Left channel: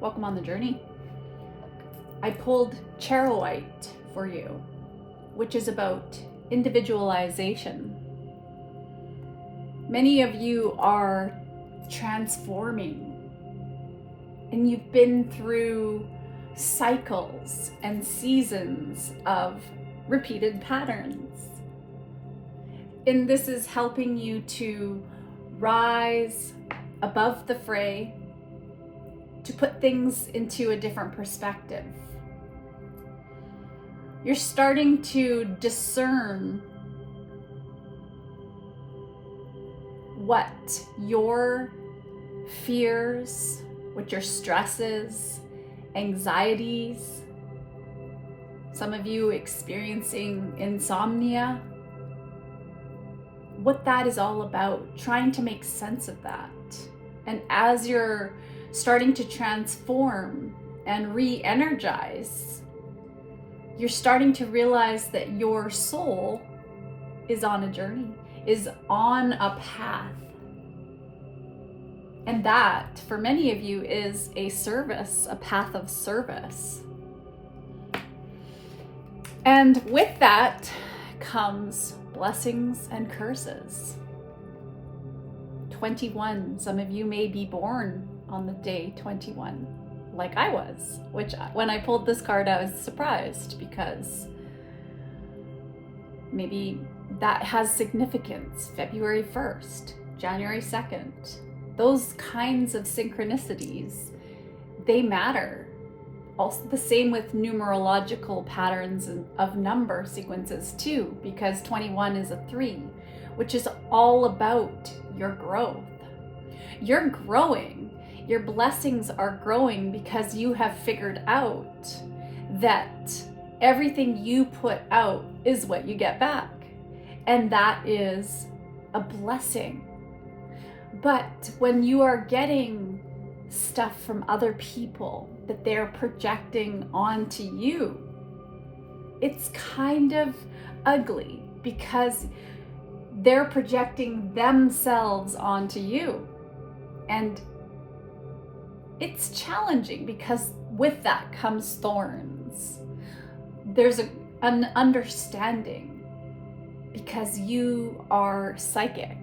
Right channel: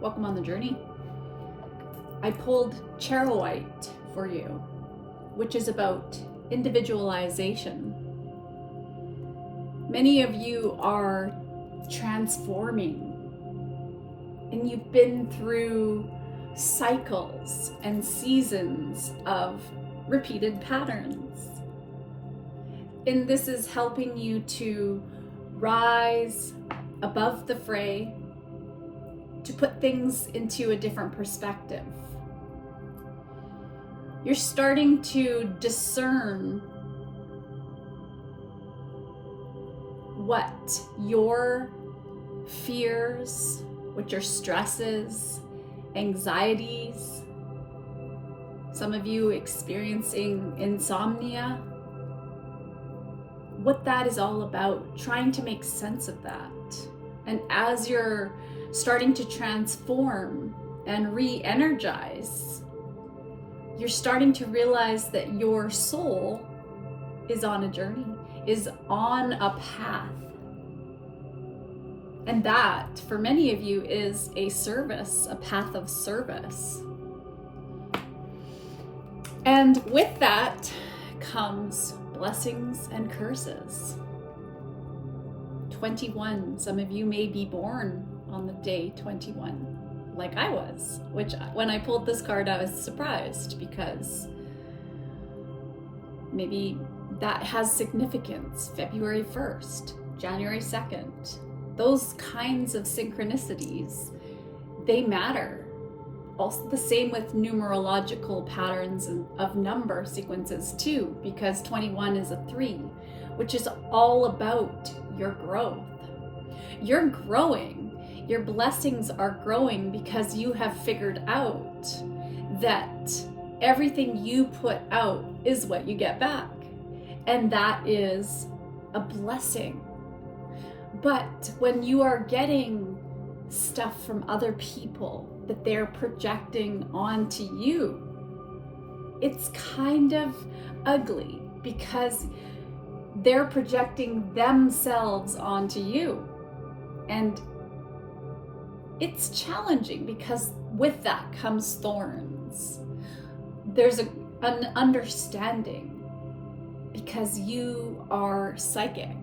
Welcome on the journey. I pulled Charoite for you, which is about individualization. Many of you are transforming, and you've been through cycles and seasons of repeated patterns. And this is helping you to rise above the fray, to put things into a different perspective. You're starting to discern what your fears, what your stresses, anxieties, some of you experiencing insomnia, what that is all about, trying to make sense of that. And as you're starting to transform and re-energize, you're starting to realize that your soul is on a journey, is on a path. And that, for many of you, is a service, a path of service. And with that comes blessings and curses. 21, some of you may be born on the day 21, like I was, which when I pulled this card, I was surprised because maybe that has significance. February 1st, January 2nd, those kinds of synchronicities, they matter. Also the same with numerological patterns of number sequences too, because 21 is a 3, which is all about your growth. You're growing. Your blessings are growing because you have figured out that everything you put out is what you get back. And that is a blessing. But when you are getting stuff from other people that they're projecting onto you, it's kind of ugly because they're projecting themselves onto you. And it's challenging because with that comes thorns. There's an understanding because you are psychic.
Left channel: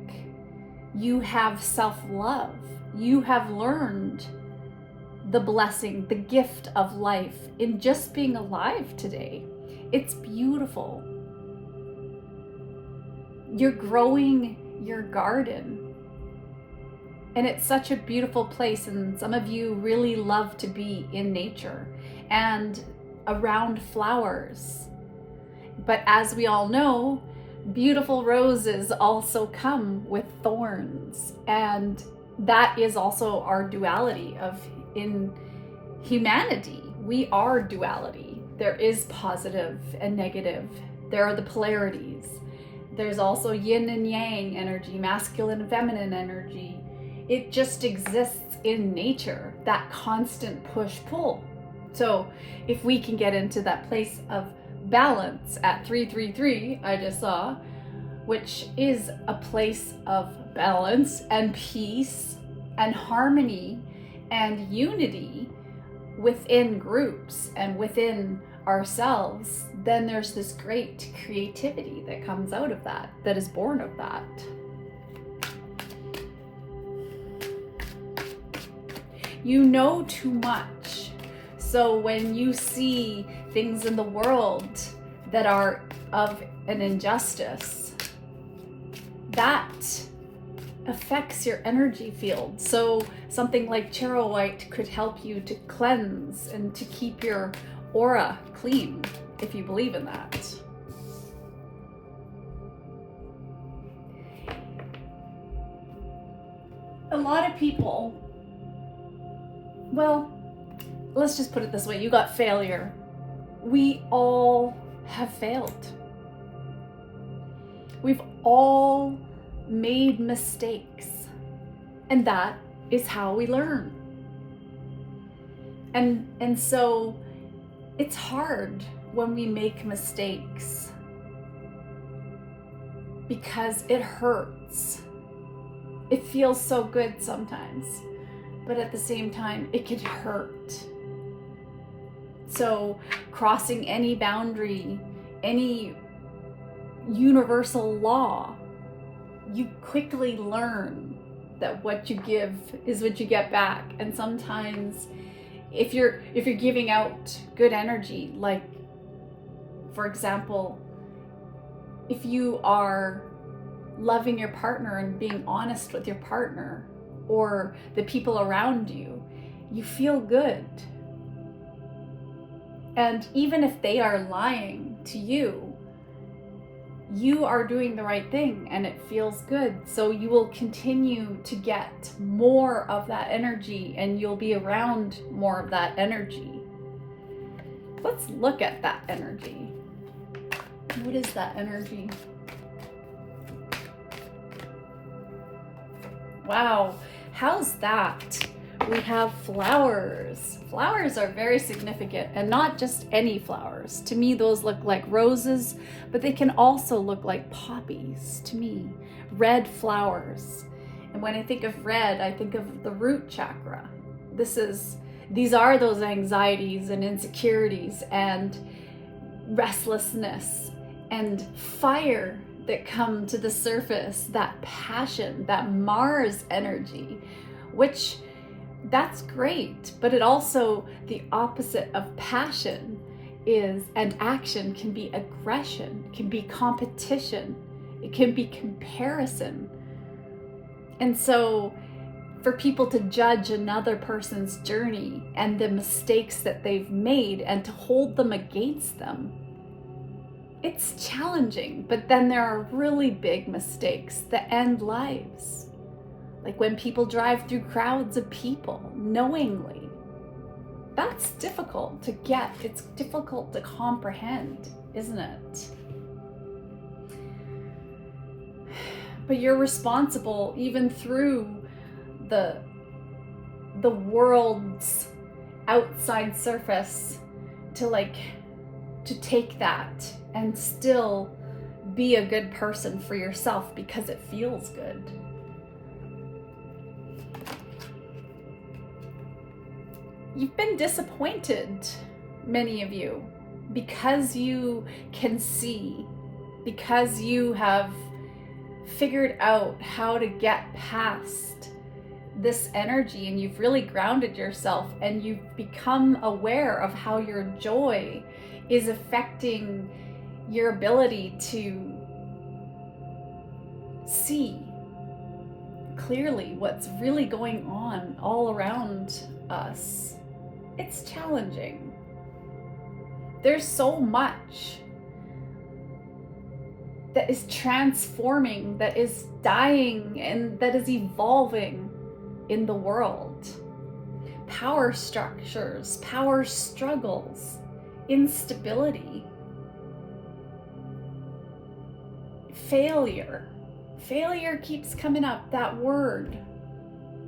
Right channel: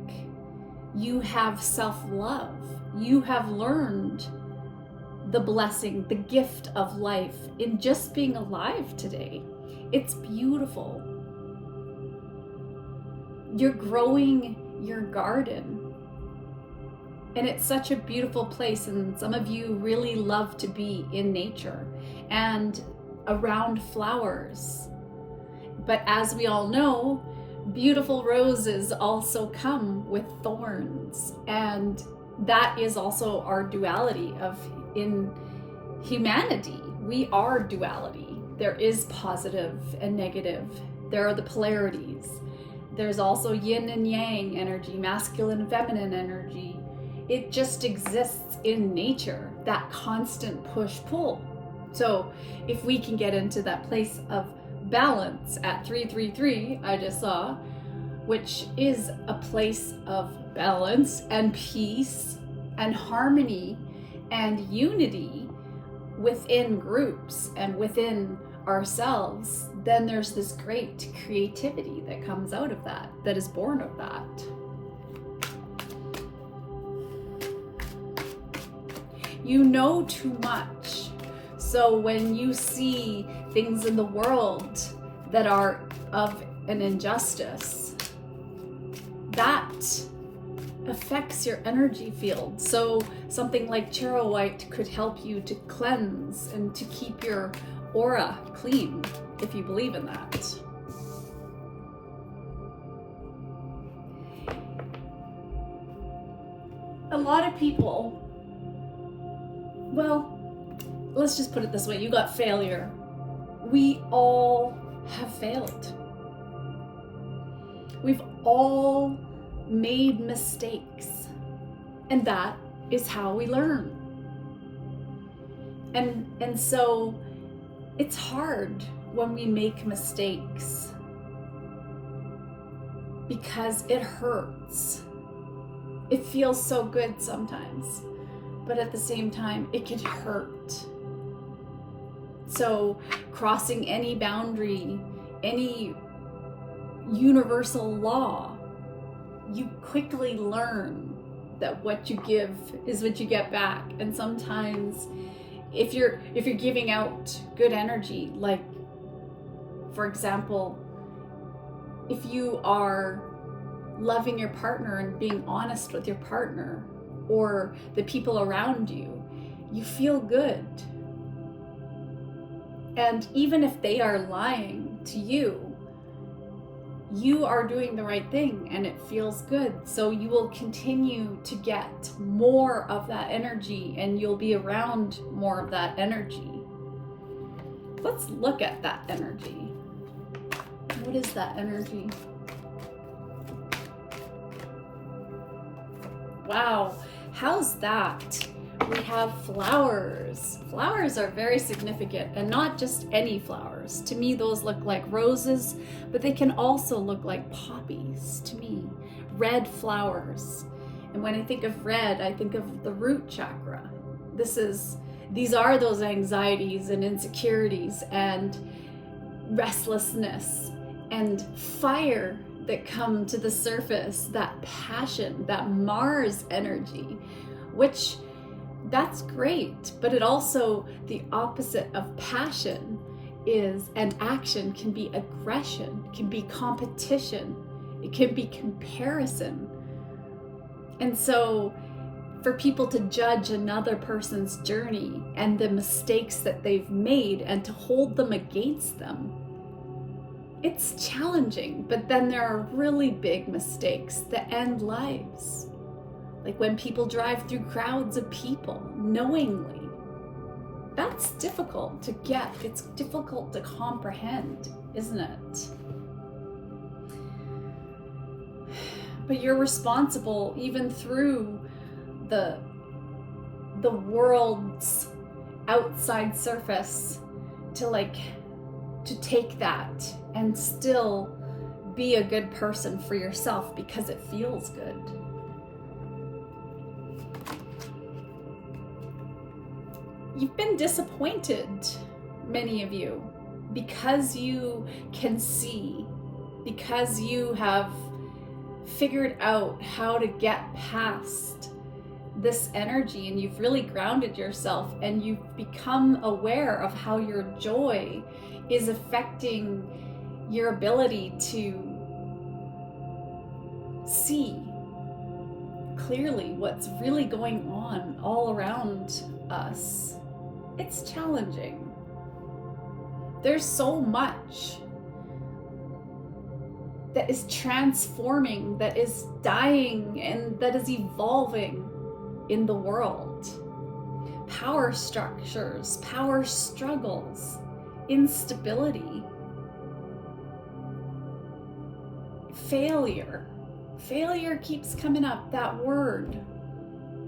You have self-love. You have learned the blessing, the gift of life in just being alive today. It's beautiful. You're growing your garden. And it's such a beautiful place, and some of you really love to be in nature and around flowers. But as we all know, beautiful roses also come with thorns, and that is also our duality in humanity. We are duality. There is positive and negative. There are the polarities. There's also yin and yang energy, masculine and feminine energy. It just exists in nature, that constant push-pull. So if we can get into that place of balance at 333, I just saw, which is a place of balance and peace and harmony and unity within groups and within ourselves, then there's this great creativity that comes out of that, that is born of that. You know too much. So when you see things in the world that are of an injustice, that affects your energy field. So something like Charoite could help you to cleanse and to keep your aura clean, if you believe in that. A lot of people, well, let's just put it this way, you got failure. We all have failed. We've all made mistakes, and that is how we learn. And so it's hard when we make mistakes because it hurts. It feels so good sometimes but at the same time, it can hurt. So crossing any boundary, any universal law, you quickly learn that what you give is what you get back. And sometimes if you're giving out good energy, like for example, if you are loving your partner and being honest with your partner or the people around you, you feel good. And even if they are lying to you, you are doing the right thing and it feels good. So you will continue to get more of that energy and you'll be around more of that energy. Let's look at that energy. What is that energy? Wow, how's that? We have flowers. Flowers are very significant, and not just any flowers. To me, those look like roses, but they can also look like poppies to me. Red flowers. And when I think of red, I think of the root chakra. These are those anxieties and insecurities and restlessness and fire that come to the surface, that passion, that Mars energy, which that's great, but it also, the opposite of passion is, and action can be aggression, can be competition, it can be comparison. And so for people to judge another person's journey and the mistakes that they've made and to hold them against them, it's challenging. But then there are really big mistakes that end lives. Like when people drive through crowds of people knowingly. That's difficult to get. It's difficult to comprehend, isn't it? But you're responsible even through the world's outside surface to take that and still be a good person for yourself because it feels good. You've been disappointed, many of you, because you can see, because you have figured out how to get past this energy and you've really grounded yourself and you've become aware of how your joy is affecting your ability to see clearly what's really going on all around us. It's challenging. There's so much that is transforming, that is dying, and that is evolving in the world. Power structures, power struggles, instability, failure. Failure keeps coming up, that word.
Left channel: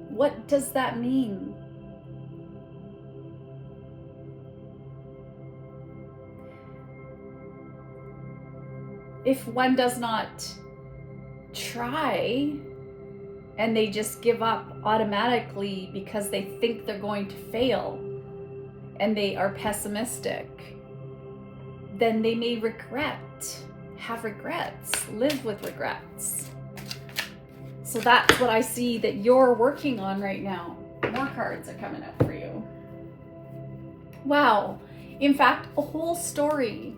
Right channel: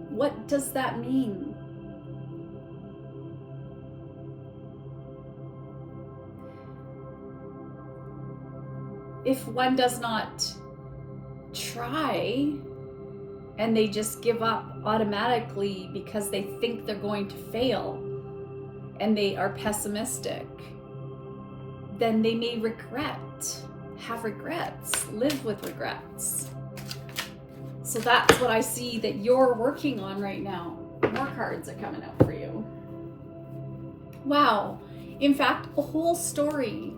What does that mean? If one does not try and they just give up automatically because they think they're going to fail and they are pessimistic, then they may have regrets, live with regrets. So that's what I see that you're working on right now. More cards are coming out for you. Wow. In fact, a whole story.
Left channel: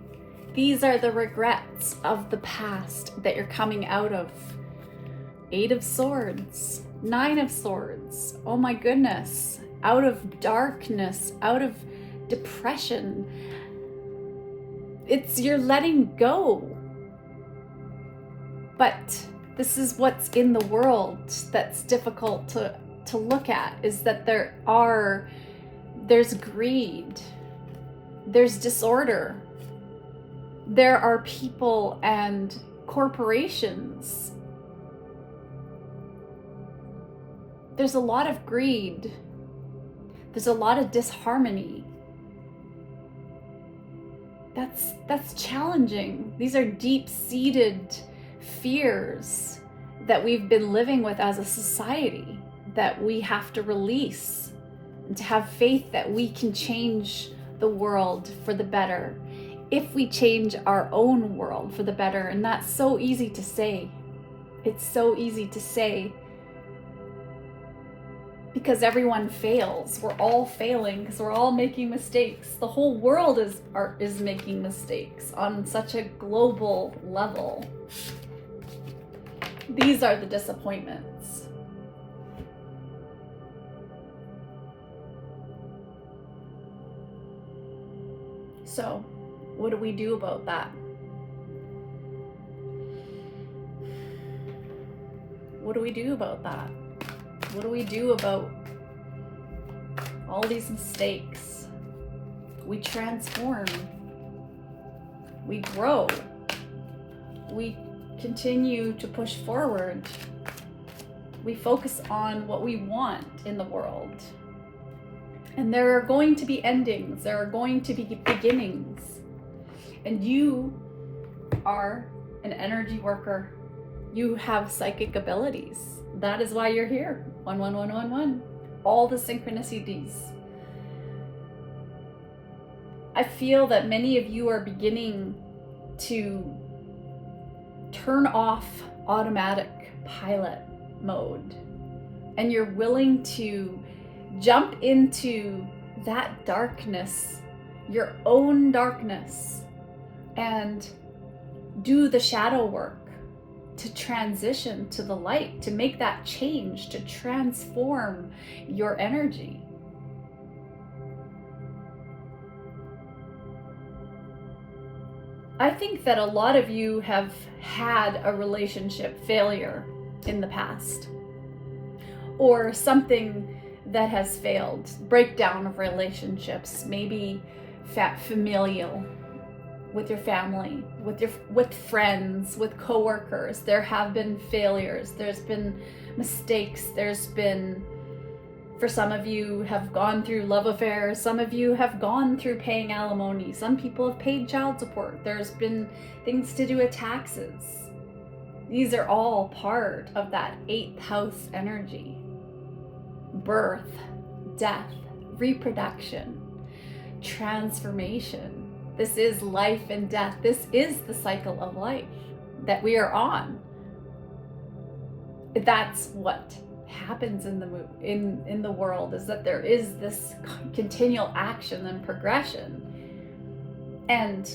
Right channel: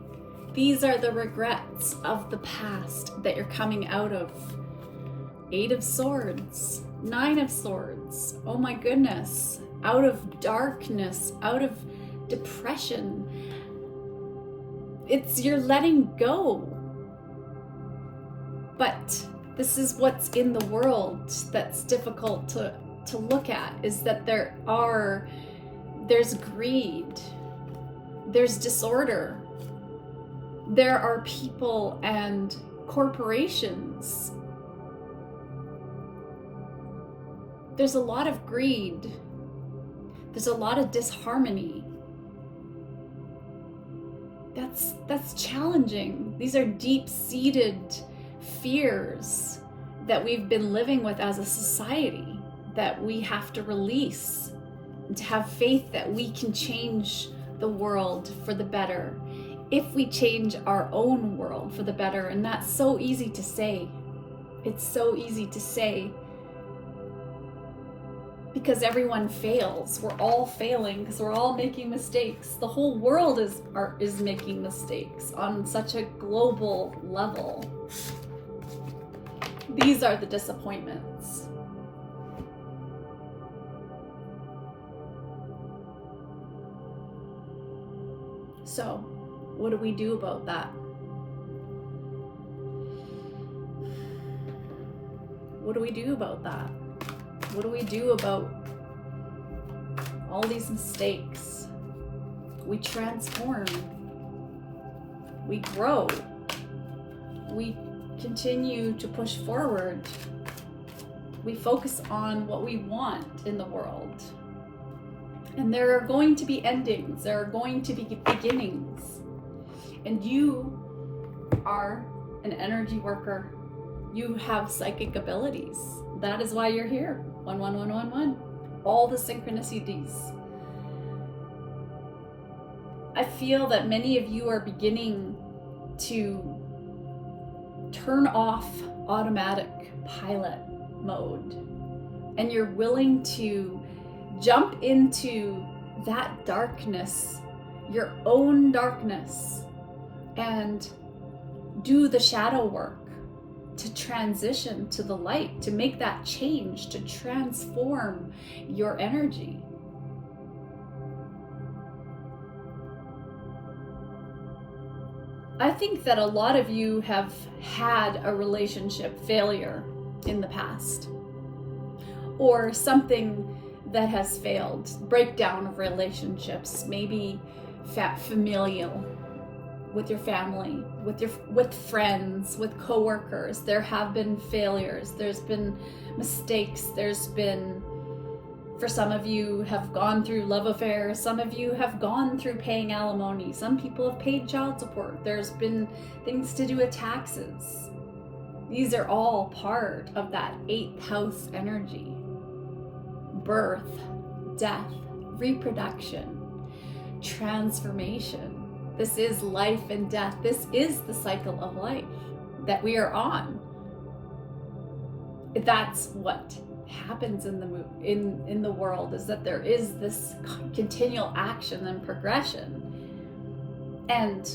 These are the regrets of the past that you're coming out of. 8 of Swords, 9 of Swords. Oh my goodness. Out of darkness, out of depression. You're letting go. But this is what's in the world that's difficult to look at, is that there's greed, there's disorder. There are people and corporations. There's a lot of greed. There's a lot of disharmony. That's challenging. These are deep-seated fears that we've been living with as a society that we have to release, and to have faith that we can change the world for the better if we change our own world for the better. And that's so easy to say. It's so easy to say because everyone fails. We're all failing because we're all making mistakes. The whole world is making mistakes on such a global level. These are the disappointments. So, what do we do about that? What do we do about that? What do we do about all these mistakes? We transform. We grow. We continue to push forward. We focus on what we want in the world. And there are going to be endings. There are going to be beginnings. And you are an energy worker. You have psychic abilities. That is why you're here. 11111. All the synchronicities. I feel that many of you are beginning to turn off automatic pilot mode, and you're willing to jump into that darkness, your own darkness, and do the shadow work to transition to the light, to make that change, to transform your energy. I think that a lot of you have had a relationship failure in the past, or something that has failed, breakdown of relationships, maybe familial, with your family, with friends, with coworkers. There have been failures. There's been mistakes. There's been, for some of you have gone through love affairs. Some of you have gone through paying alimony. Some people have paid child support. There's been things to do with taxes. These are all part of that 8th house energy. Birth, death, reproduction, transformation. This is life and death. This is the cycle of life that we are on. That's what happens in the world, is that there is this continual action and progression. And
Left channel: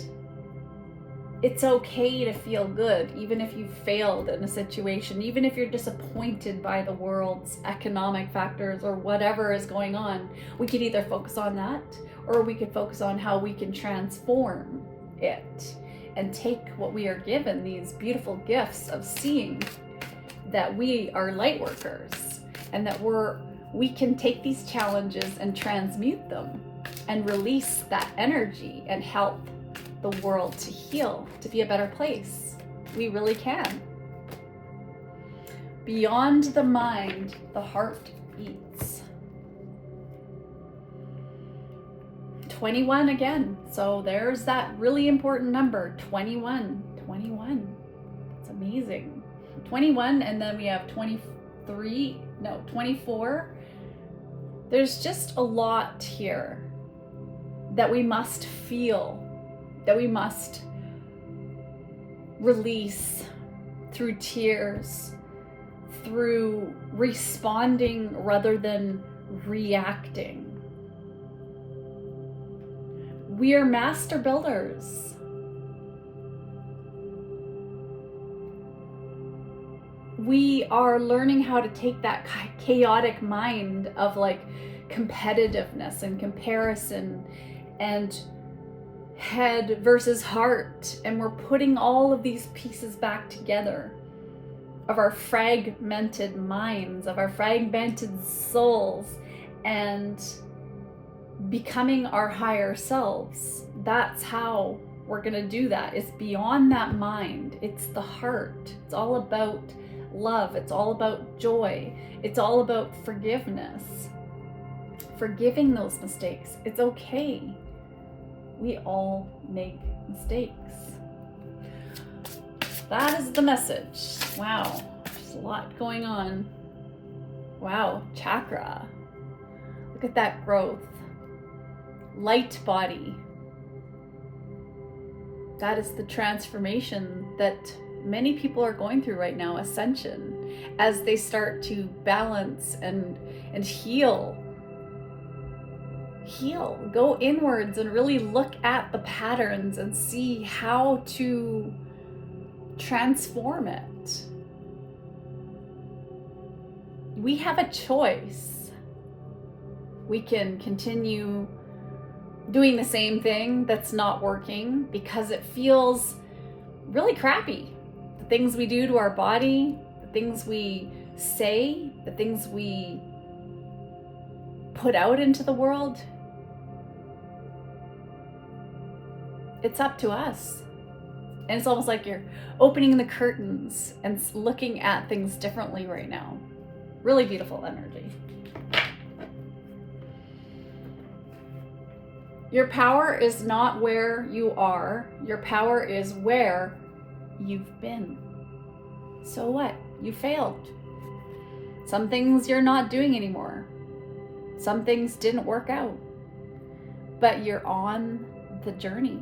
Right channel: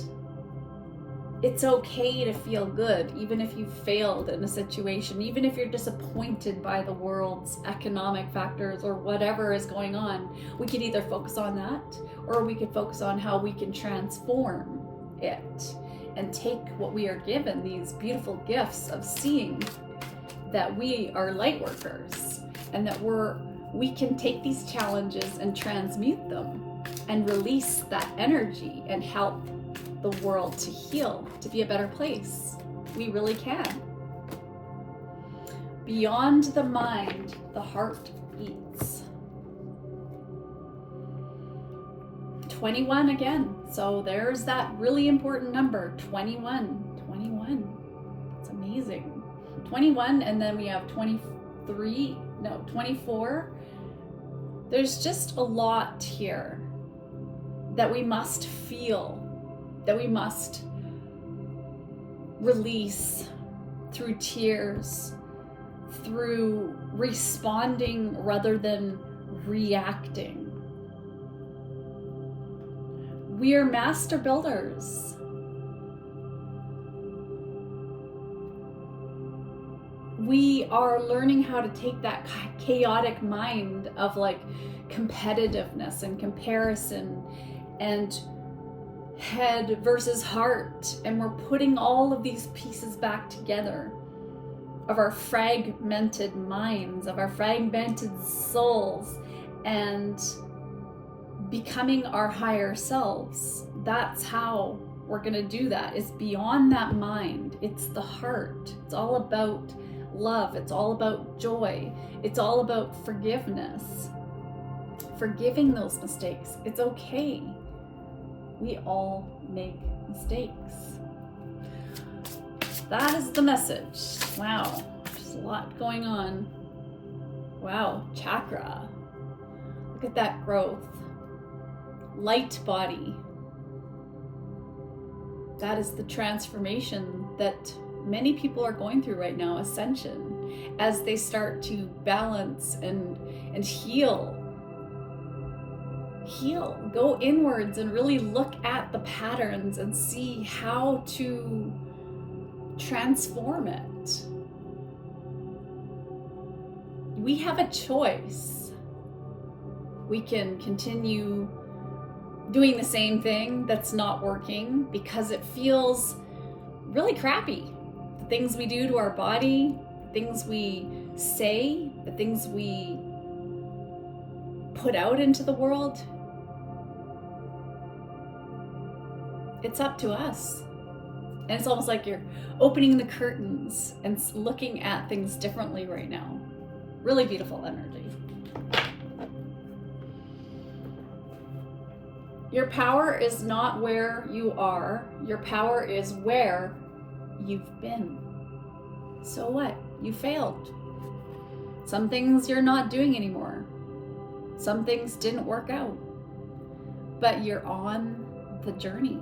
it's okay to feel good, even if you've failed in a situation, even if you're disappointed by the world's economic factors or whatever is going on. We could either focus on that, or we could focus on how we can transform it and take what we are given, these beautiful gifts of seeing that we are light workers, and that we can take these challenges and transmute them and release that energy and help the world to heal, to be a better place. We really can. Beyond the mind, the heart beats. 21 again. So there's that really important number, 21. 21. It's amazing. 21, and then we have 24. There's just a lot here that we must feel, that we must release through tears, through responding rather than reacting. We are master builders. We are learning how to take that chaotic mind of like competitiveness and comparison and head versus heart, and we're putting all of these pieces back together of our fragmented minds, of our fragmented souls, and becoming our higher selves. That's how we're going to do that. It's beyond that mind. It's the heart. It's all about love. It's all about joy. It's all about forgiveness. Forgiving those mistakes. It's okay. We all make mistakes. That is the message. Wow, there's a lot going on. Wow, chakra. Look at that growth. Light body. That is the transformation that many people are going through right now, ascension, as they start to balance and heal. Heal, go inwards and really look at the patterns and see how to transform it. We have a choice. We can continue doing the same thing that's not working because it feels really crappy. The things we do to our body, the things we say, the things we put out into the world. It's up to us. And it's almost like you're opening the curtains and looking at things differently right now. Really beautiful energy. Your power is not where you are. Your power is where you've been. So what? You failed. Some things you're not doing anymore. Some things didn't work out. But you're on the journey.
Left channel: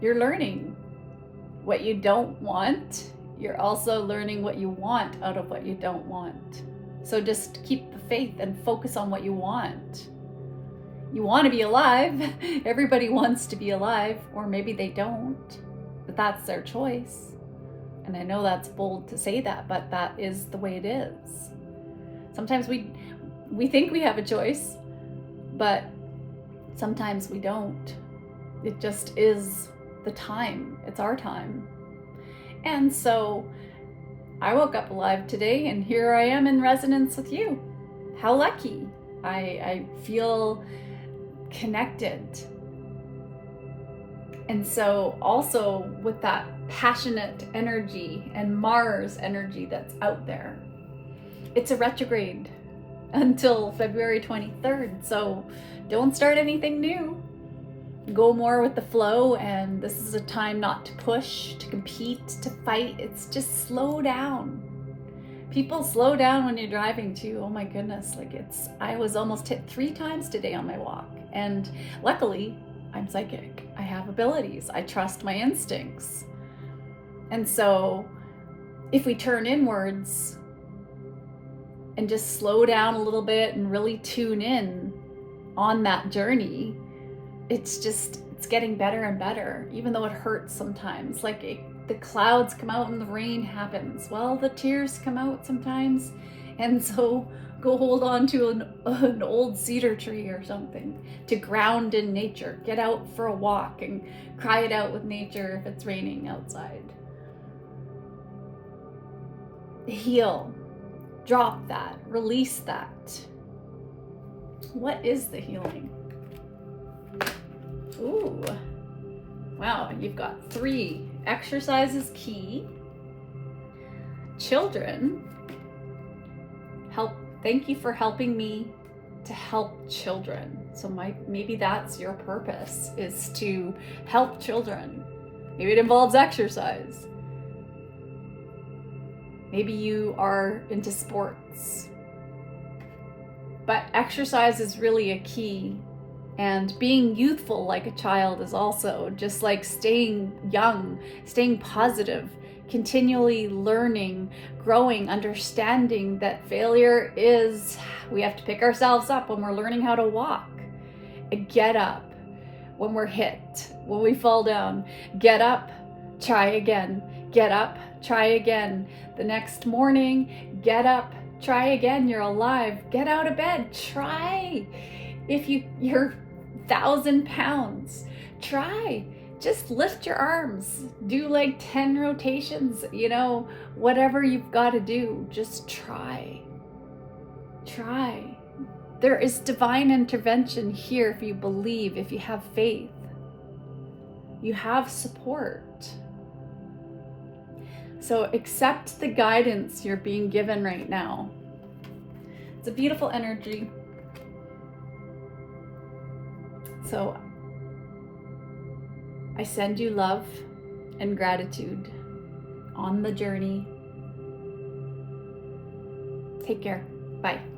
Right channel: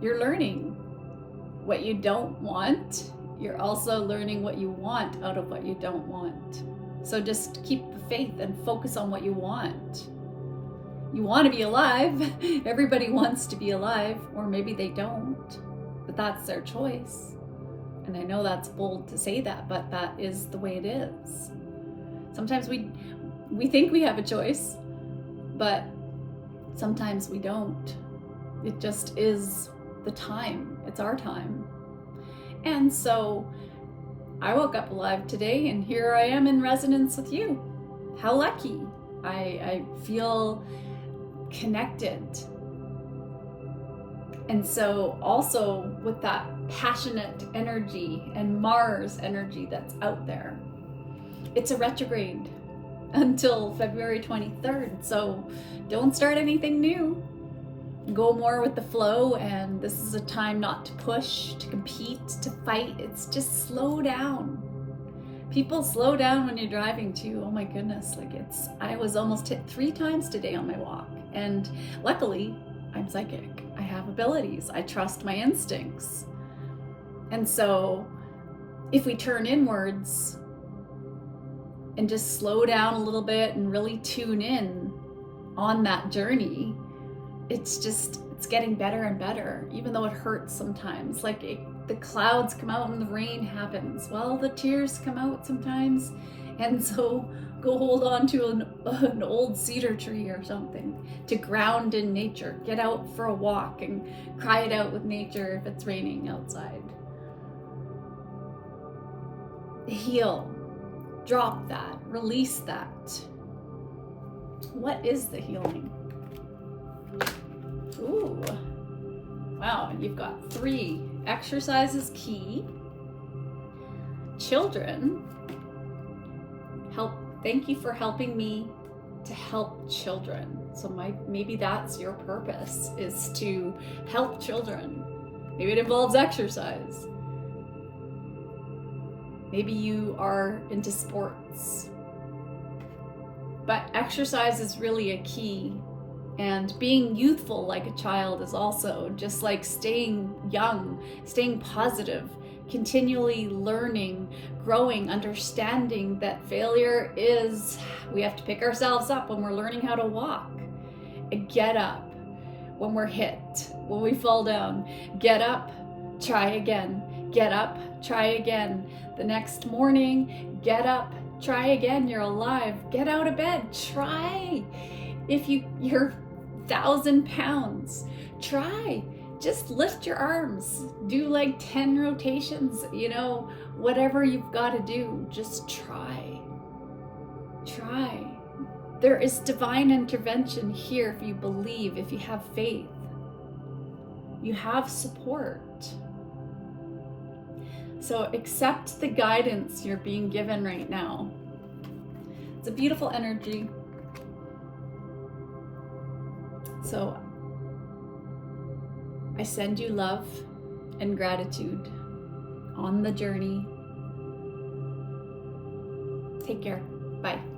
You're learning what you don't want. You're also learning what you want out of what you don't want. So just keep the faith and focus on what you want. You want to be alive. Everybody wants to be alive, or maybe they don't, but that's their choice. And I know that's bold to say that, but that is the way it is. Sometimes we think we have a choice, but sometimes we don't. It just is the time. It's our time. And so I woke up alive today, and here I am in resonance with you. How lucky. I feel connected. And so also with that passionate energy and Mars energy that's out there, it's a retrograde until February 23rd. So don't start anything new. Go more with the flow, and this is a time not to push, to compete, to fight. It's just slow down. People slow down when you're driving too. Oh my goodness, I was almost hit 3 times today on my walk. And luckily, I'm psychic. I have abilities. I trust my instincts. And so if we turn inwards and just slow down a little bit and really tune in on that journey, it's getting better and better, even though it hurts sometimes. The clouds come out and the rain happens. Well, the tears come out sometimes. And so go hold on to an old cedar tree or something to ground in nature. Get out for a walk and cry it out with nature if it's raining outside. Heal. Drop that. Release that. What is the healing? Ooh, wow, you've got 3. Exercise is key. Children, thank you for helping me to help children. So maybe that's your purpose, is to help children. Maybe it involves exercise. Maybe you are into sports. But exercise is really a key. And being youthful like a child is also just like staying young, staying positive, continually learning, growing, understanding that failure is, we have to pick ourselves up when we're learning how to walk. Get up when we're hit, when we fall down. Get up, try again. Get up, try again. The next morning, get up, try again. You're alive. Get out of bed, try. If you're 1,000 pounds, try. Just lift your arms. Do 10 rotations, whatever you've got to do. Just try. Try. There is divine intervention here if you believe, if you have faith. You have support. So accept the guidance you're being given right now. It's a beautiful energy. So I send you love and gratitude on the journey. Take care. Bye.